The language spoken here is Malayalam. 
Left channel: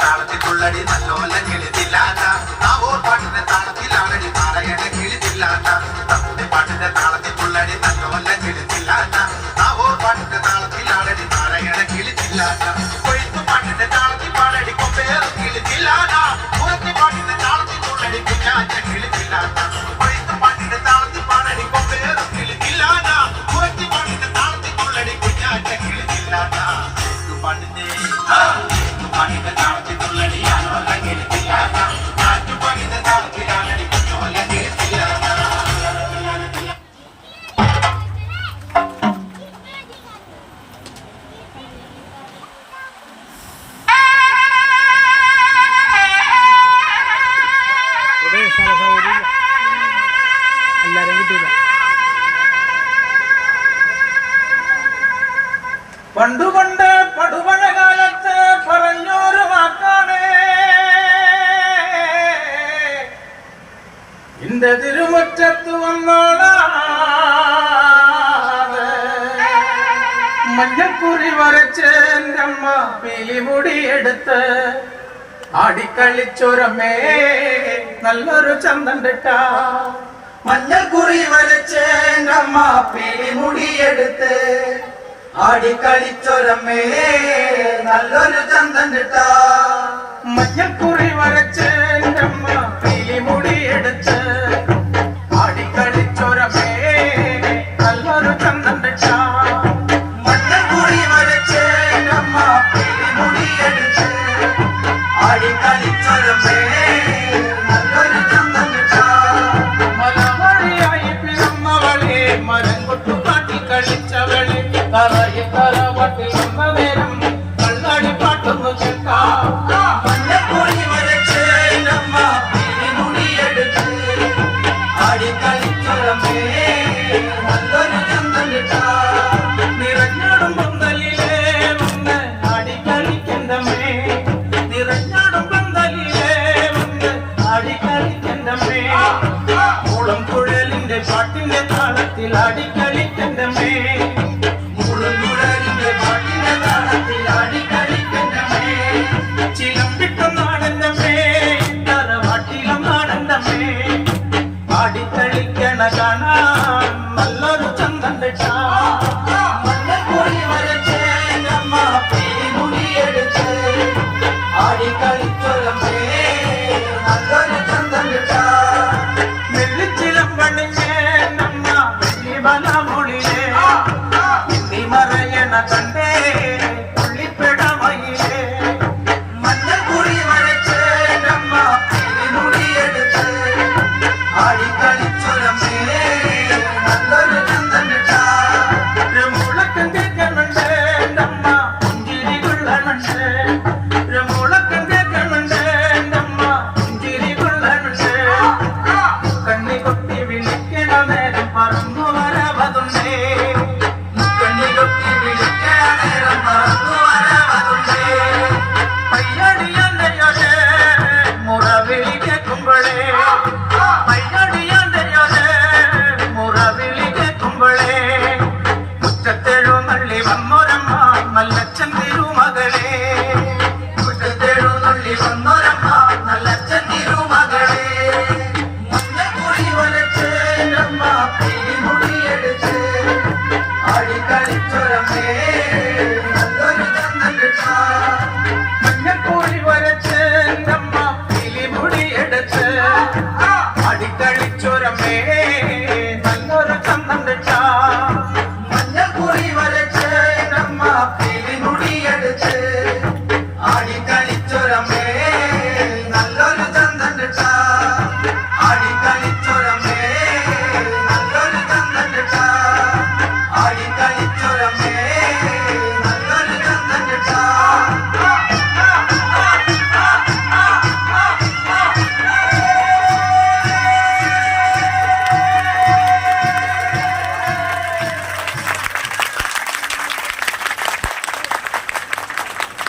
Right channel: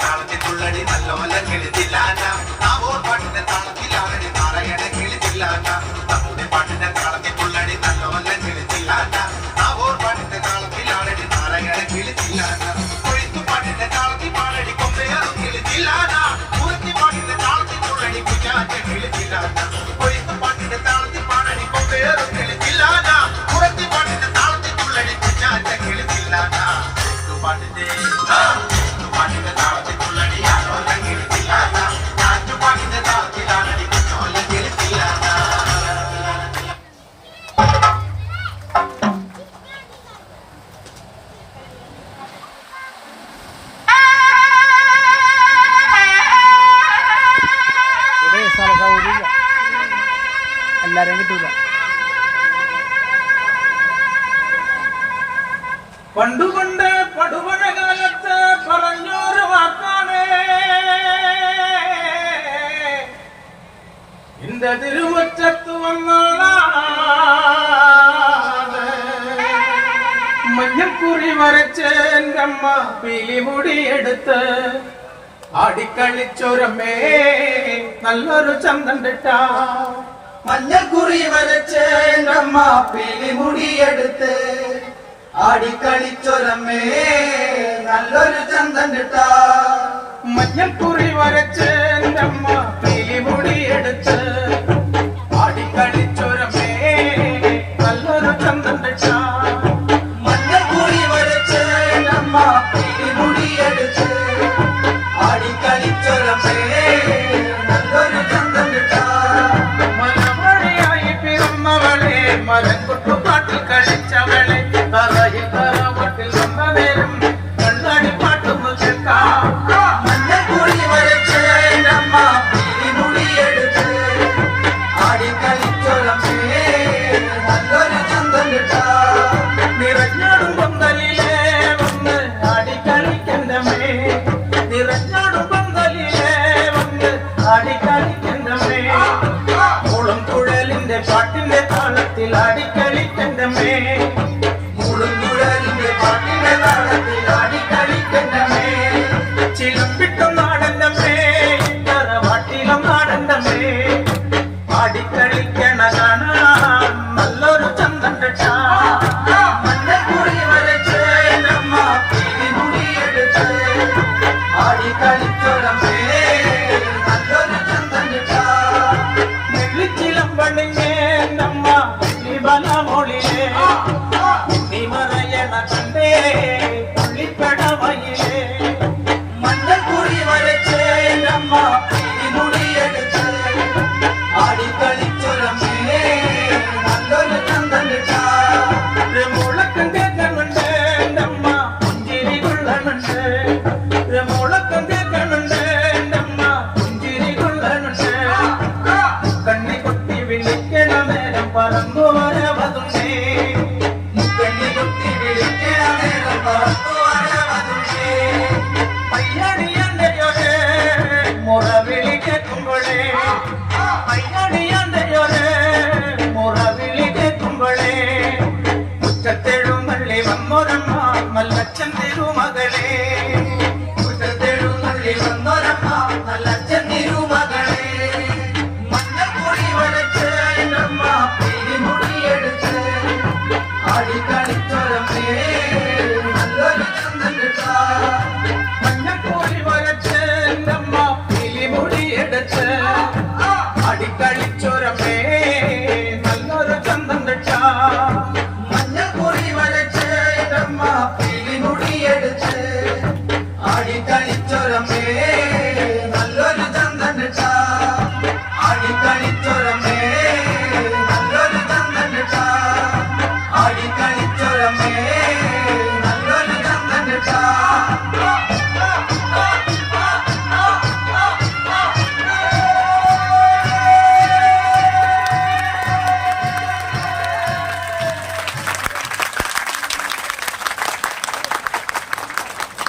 താളത്തിൽ നല്ലോല കിളിച്ചില്ലാന നാവോ പാട്ടിന്റെ താളത്തിലാണടി നാരായണ കിളിച്ചില്ലാന നമ്മുടെ പാട്ടിന്റെ താളത്തിൽ പുള്ളടി നല്ലോല കിളിച്ചില്ലാന നാവോ പാട്ടിന്റെ താളത്തിലാണടി നാരായണ കിളിച്ചില്ലാന കൊഴുത്തു പാട്ടിന്റെ താളത്തിൽ പാടടി കൊമ്പേറും കിളിച്ചില്ലാന പുറത്തി പാട്ടിന്റെ താളത്തിൽ പുള്ളടി കുഞ്ഞാറ്റ കിളിച്ചില്ലാന കൊഴുത്തു പാട്ടിന്റെ താളത്തിൽ പാടടി കൊമ്പേറും കിളിച്ചില്ലാന പുറത്തി പാട്ടിന്റെ താളത്തിൽ പുള്ളടി കുഞ്ഞാറ്റ കിളിച്ചില്ലാന പാട്ടിന്റെ പാട്ടിന്റെ താളത്തിൽ പുള്ളടി ആലോല കിളിച്ചില്ലാന നാട്ടുപാട്ടിന്റെ താളത്തിലാണടി കുഞ്ഞോല കിളിച്ചില്ലാന എല്ലാരെയും കിട്ടൂല. പണ്ടുകൊണ്ട് പടുപഴ കാലത്ത് പറഞ്ഞൊരു വാക്കാണ് ഇന്റെ തിരുമുറ്റത്ത് വന്നാളാണ് മഞ്ഞക്കുറി വരച്ച് എൻ്റെ അമ്മ പിലിമുടിയെടുത്ത് ആടിക്കളിച്ചൊരമേ നല്ലൊരു ചന്തം കിട്ട മഞ്ഞക്കുറി വരച്ച് എൻ്റെ അമ്മ പിലിമുടിയെടുത്ത് ആടിക്കളിച്ചൊരമേ നല്ലൊരു ചന്തം കിട്ട മഞ്ഞക്കുറി